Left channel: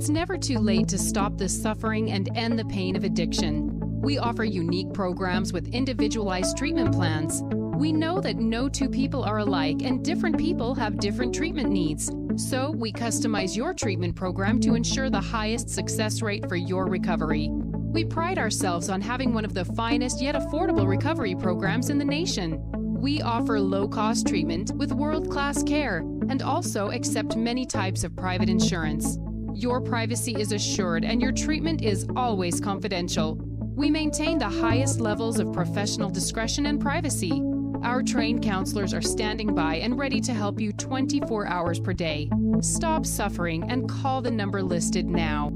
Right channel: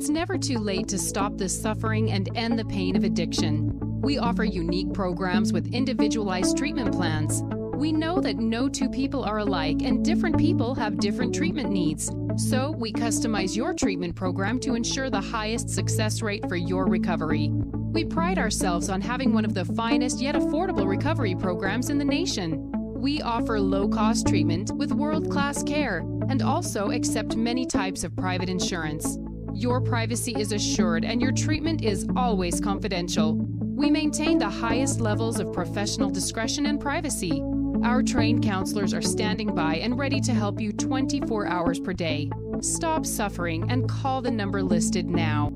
It's never too late to stop the suffering and end the pain of addiction. We offer unique programs with individualized treatment plans. We know that no two people are alike and different people have different treatment needs. So we customize your treatment program to ensure the highest success rate for your recovery. We pride ourselves on having one of the finest yet affordable recovery programs in the nation. We offer low-cost treatment with world-class care and also accept many types of private insurance. Your privacy is assured and your treatment is always confidential. We maintain the highest levels of professional discretion and privacy. Our trained counselors are standing by and ready to help you 24 hours per day. Stop suffering and call the number listed now.